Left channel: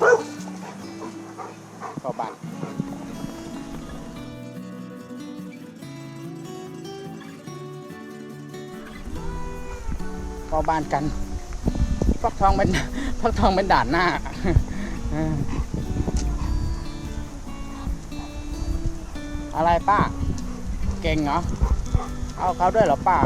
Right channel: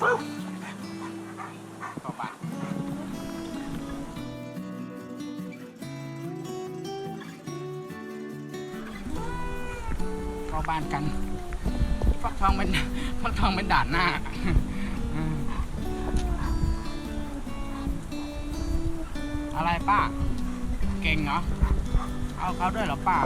ปึ๊บต่อบันต่อบ้านกันฟักทองเป็นฟักทองเป็นด่านหน้าอะไรป้า เก่งเหรอ เอาเขาด้วยเหรอป้า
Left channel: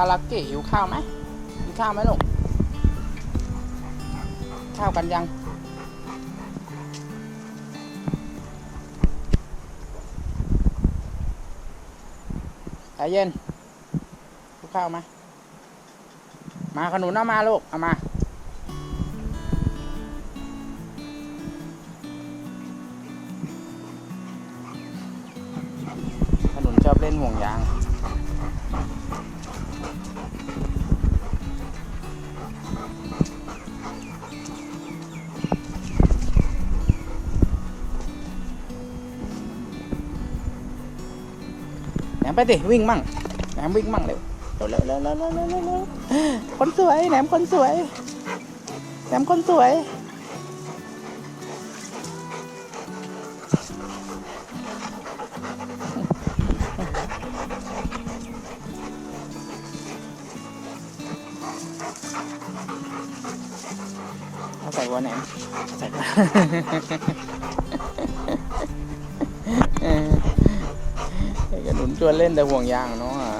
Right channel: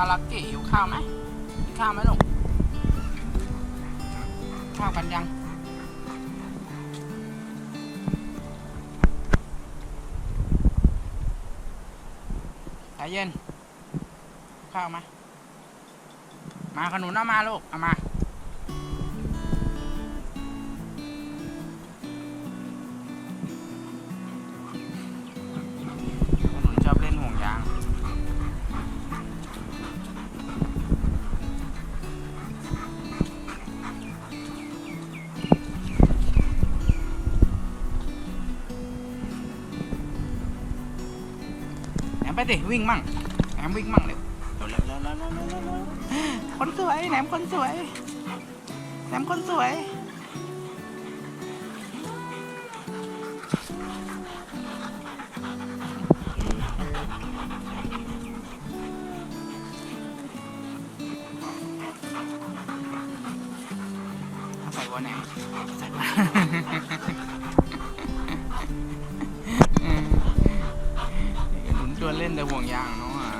าลักกี้หิวข้าวไหมกินข้าวไหมลูกข้าวกันยังใจเย็นหิวข้าวไหมมาขนุนเอามาลูก เอามา ไปสิวิ่งมั่งแหนมวิ่งมั่งเร็วเร็วเร็วเร็วเร็วเร็วคนสวยแหนมคนสวยแหนมคนสวยใส่วันไหนใส่วัน ชวนเล่นแต่ห่วงยางเนาะอะ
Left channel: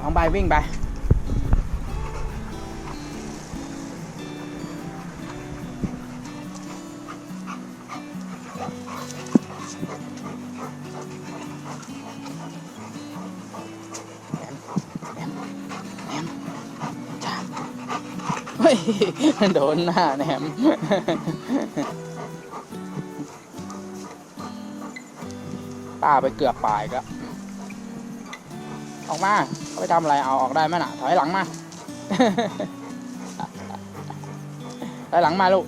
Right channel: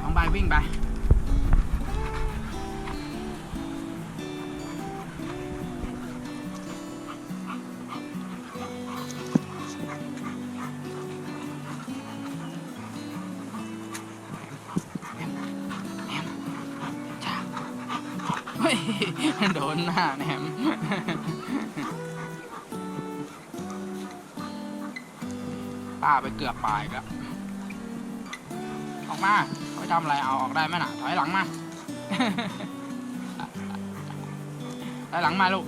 เองใบวิ่งไป โดนหน้าแหนมป้าไปเกือบปลายก็ออกมาเขาไปทำอะไรเอาออกได้ไหมน่ะถอยหลังมาถอยหลังมาลูก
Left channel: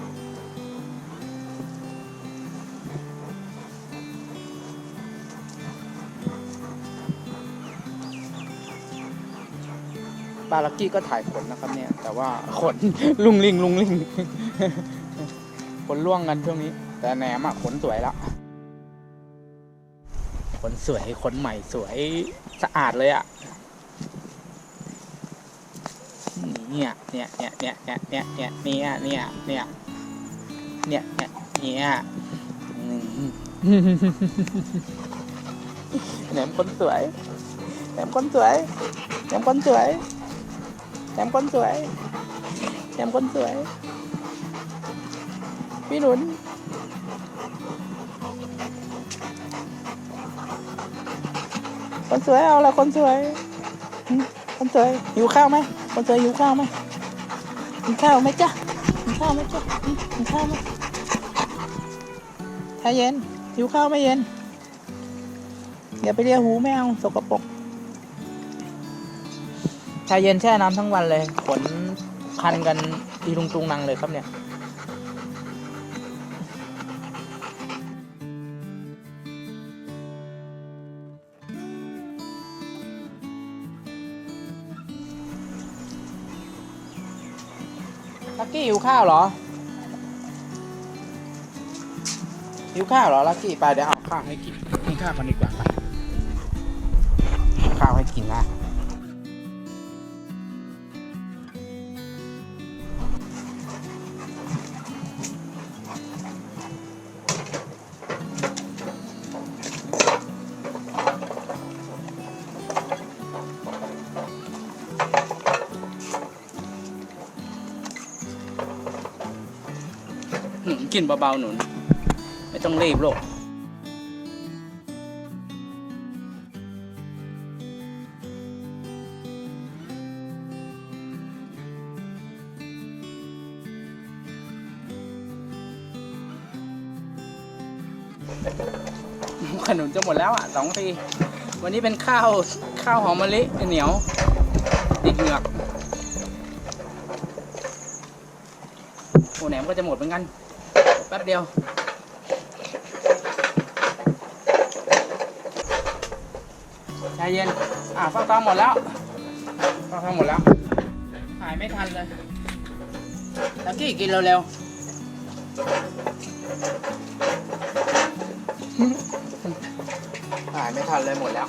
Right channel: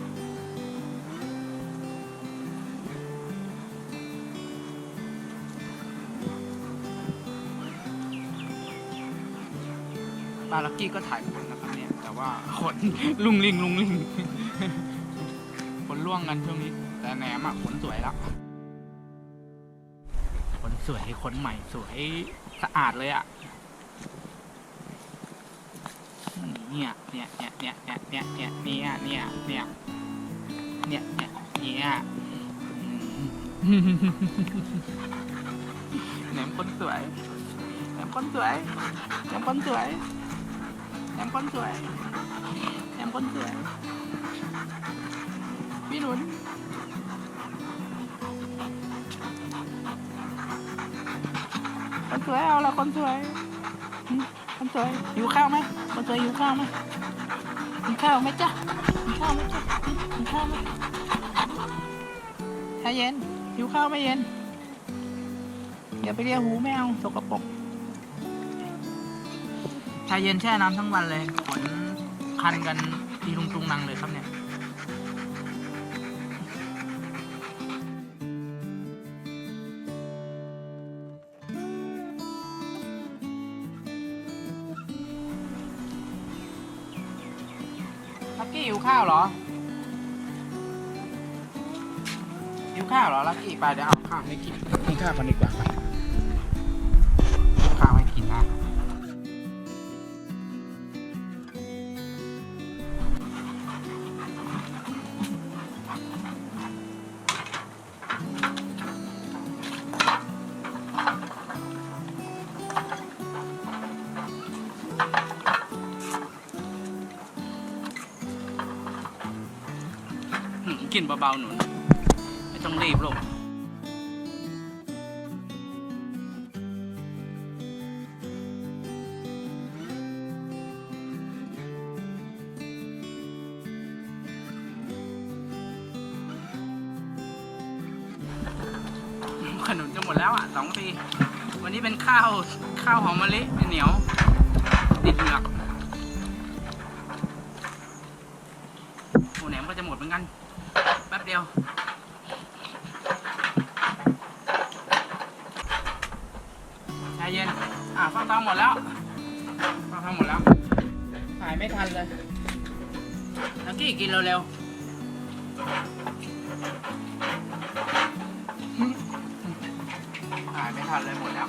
ปลาลักกี้ก็ถ่ายขนนะครับเนี่ย แต่ว่าขน ลุงลิงลุงลิงขนล่วงกันช่วงนี้ แต่แหนมอะขนสวยล้วขนสวยขนใหม่สวยสะอาดเลยอะเนี่ยเนี่ยเนี่ยเนี่ยเนี่ยเนี่ยเนี่ยเนี่ยเนี่ยเนี่ยเนี่ยเนี่ยเนี่ยแหนมคนสวยแหนมคนสวยแหนมคนสวย แถมคนสวยแถมคนสวย พี่หนุนคนสวยเอาละคนสวย คนสวยหิวข้าวไหมคนสวยหิวข้าวไหมกินข้าวไหมจ๊ะกินข้าวไหมจ๊ะกินข้าวไหมถ้าเย็นหิวข้าวไหมเย็นอย่าไปเลียหูไม่เอาสกปรก ชาเย็นแช่น้ำทั้งวันเลยขนคันกันทีลุงตุงนังเลยครับเนี่ยลักกี้หิวข้าวเหรอหิวข้าวเหรอลักกี้ไปเดี๋ยวเอาข้าวให้กินกินข้าวกันดีกว่าไป กินเบาๆหนุน ไม่ต้องรีบโลกขนุนจะหมดแล้วอะสองที วันนี้เป็นข้าว ข้าวหอมมะลิเหนียว ติดเหงือกโอ้แหนมก็จะหมดเหมือนกัน ป๊บเดียว ใจเย็น อ่าฟักทองหมดแล้วฟักทองหมดแล้ว ถ่ายไม่ทันเลยแล้วกี้กินเร็วๆถ่ายไม่ทันเลยหมดแล้ว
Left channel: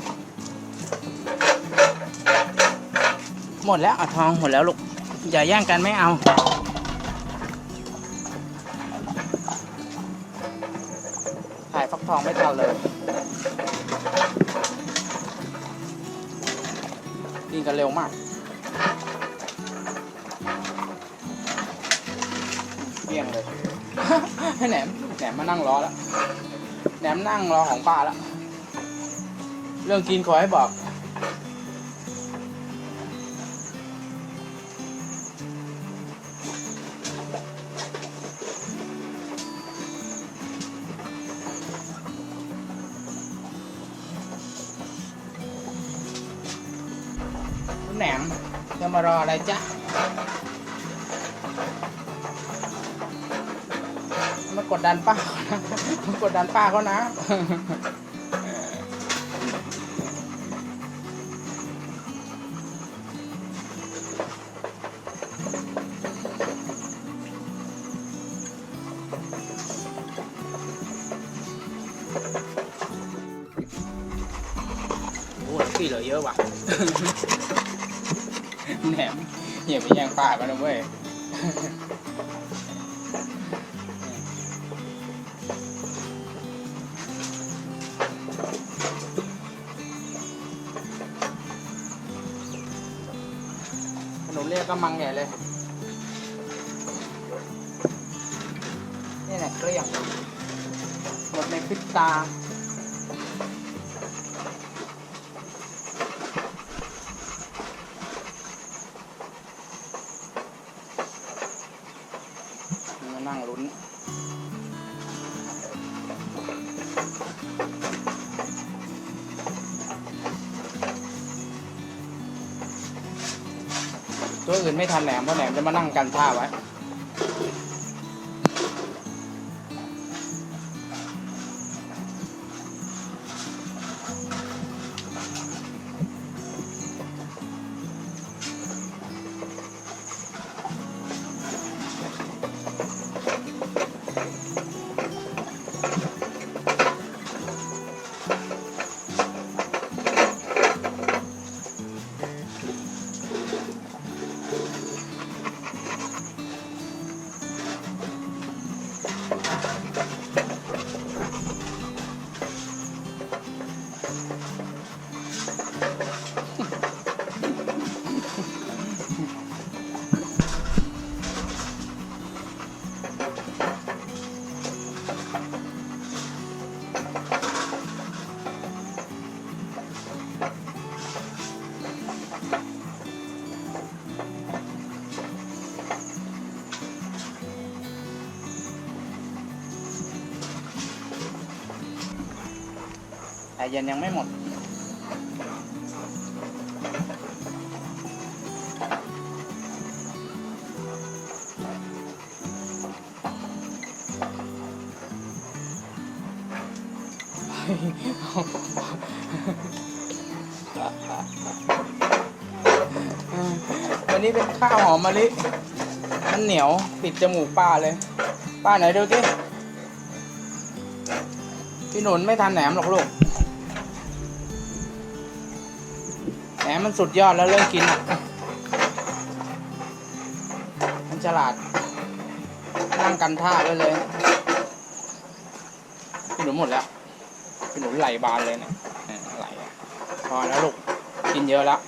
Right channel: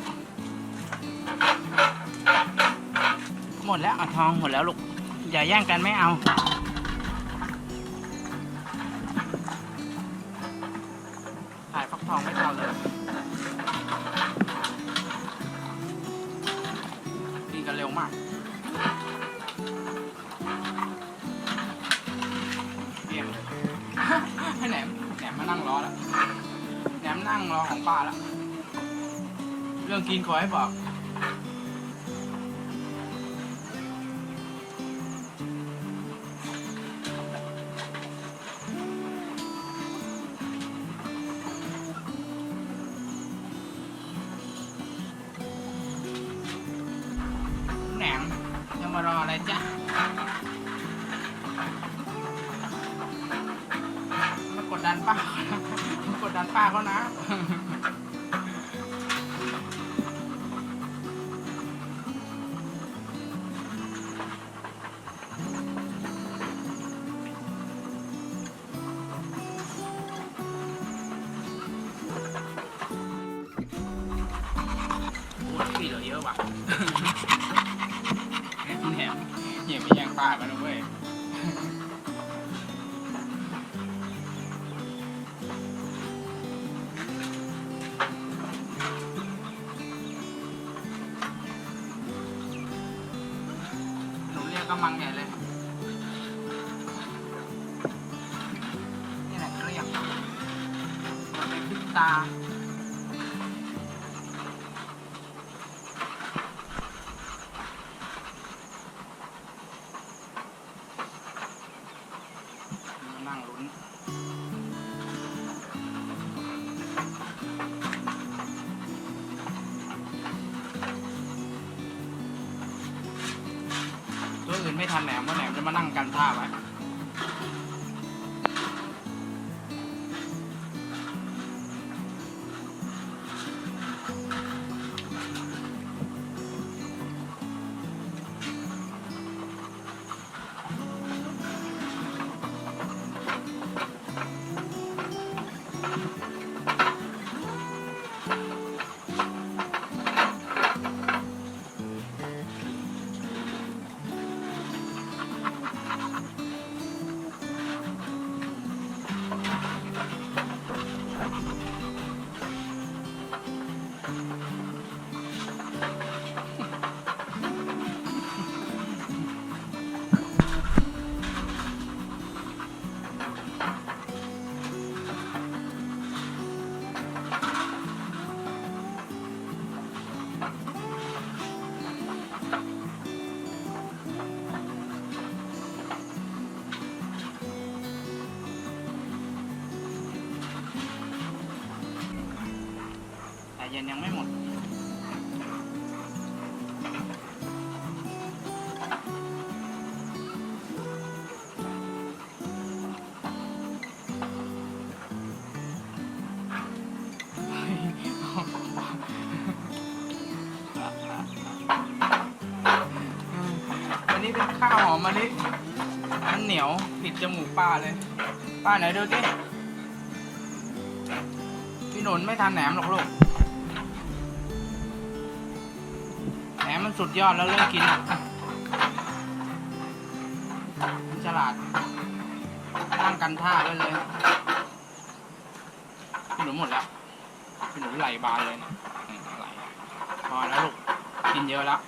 หมดแล้วอะทองหมดแล้วลูก อย่าแย่งกันไม่เอา องไม่ทันเลยกินกันเร็วมากเบี่ยงเลยให้แหนมแหนมมานั่งรอแล้วแหนมนั่งรอของป้าแล้วเรื่องกินขอให้บอก กดดันป้าเขานะมากดดันป้าเขานะโอ้ยพี่เหลือเยอะว่ะแหนมอย่าไปแย่งป้ากันนะเว้ย หมดในพริบตามานั่งลุ้นตัวอื่นไม่ทันแหลมเพราะแหลมจะมานั่งกันท่าไว้ แต่เย็นยังไม่หมด วันนี้เป็นข้าวหอมมะลิมันเหนียวติดจมูกป้าเลย ป้าไหนดูสิพี่หนุนไม่ทานแหนมหรอกลูก มมันสุดยอดแล้วเริ่มกินอะ มันฉลาด นั่งกันท่าไว้เลยพี่หนูหมดแล้วพี่หนูไหลบานเลยเนี่ยเนี่ยไหลพอแล้วลูก กินเยอะแล้ว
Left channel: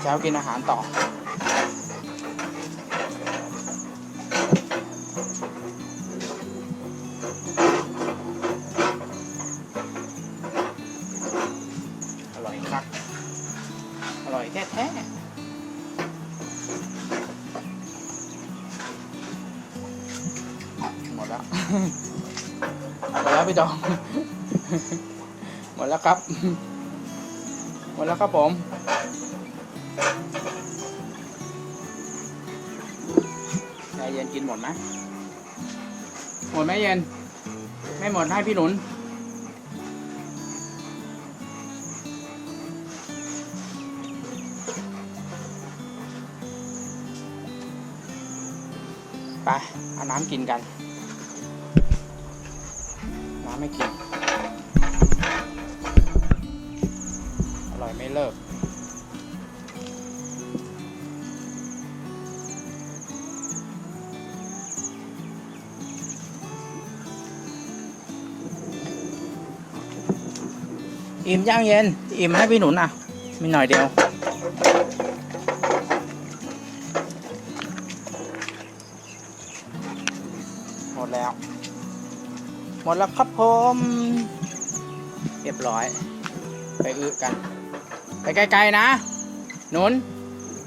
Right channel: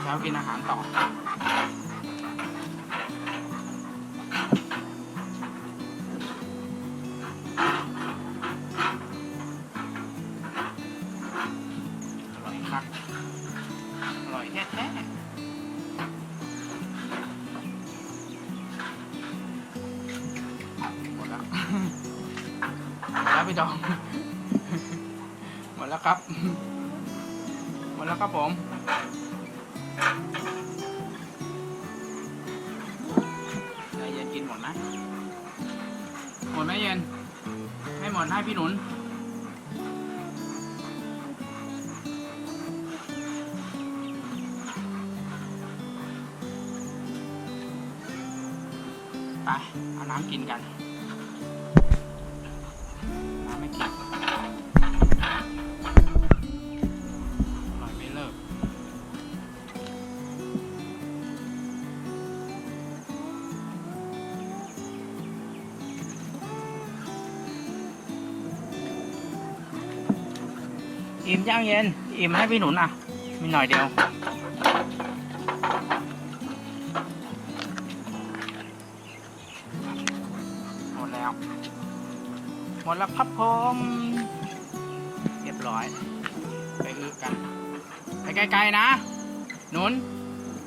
เช้ากินอาหารต่อ พี่ดองหมดแล้วครับ หมดแล้วครับผมใจเย็นกินหมดไหมหมดไหมเย็น ไม่หมดให้พี่หนุนไปเอาน้ำกินกัน ย่างเย็นอิ่มให้พี่หนุนอะมีหน่อยเดียว หมดแล้ว หมดแล้วครับผม เรียบร้อย ไปอึกัน ไปไกลๆนะหนุน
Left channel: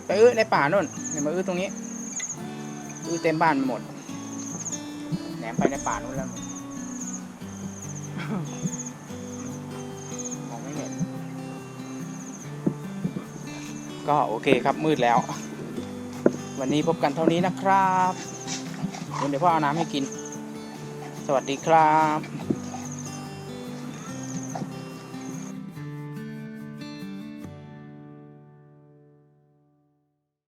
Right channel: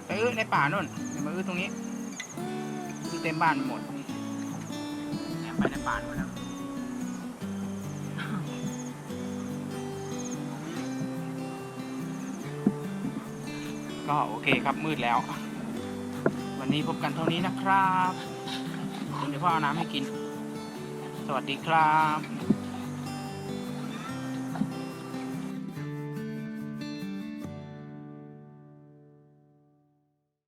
ไปอึในป่านู่นอย่ามาอึตรงนี้อึเต็มบ้านหมดแหนมไปในป่านู่นแล้ว ก็โอเคครับมืดแล้ว วันนี้พบกันเท่านี้นะครับเดี๋ยวพ่อเอาน้ำให้กิน สวัสดีครับ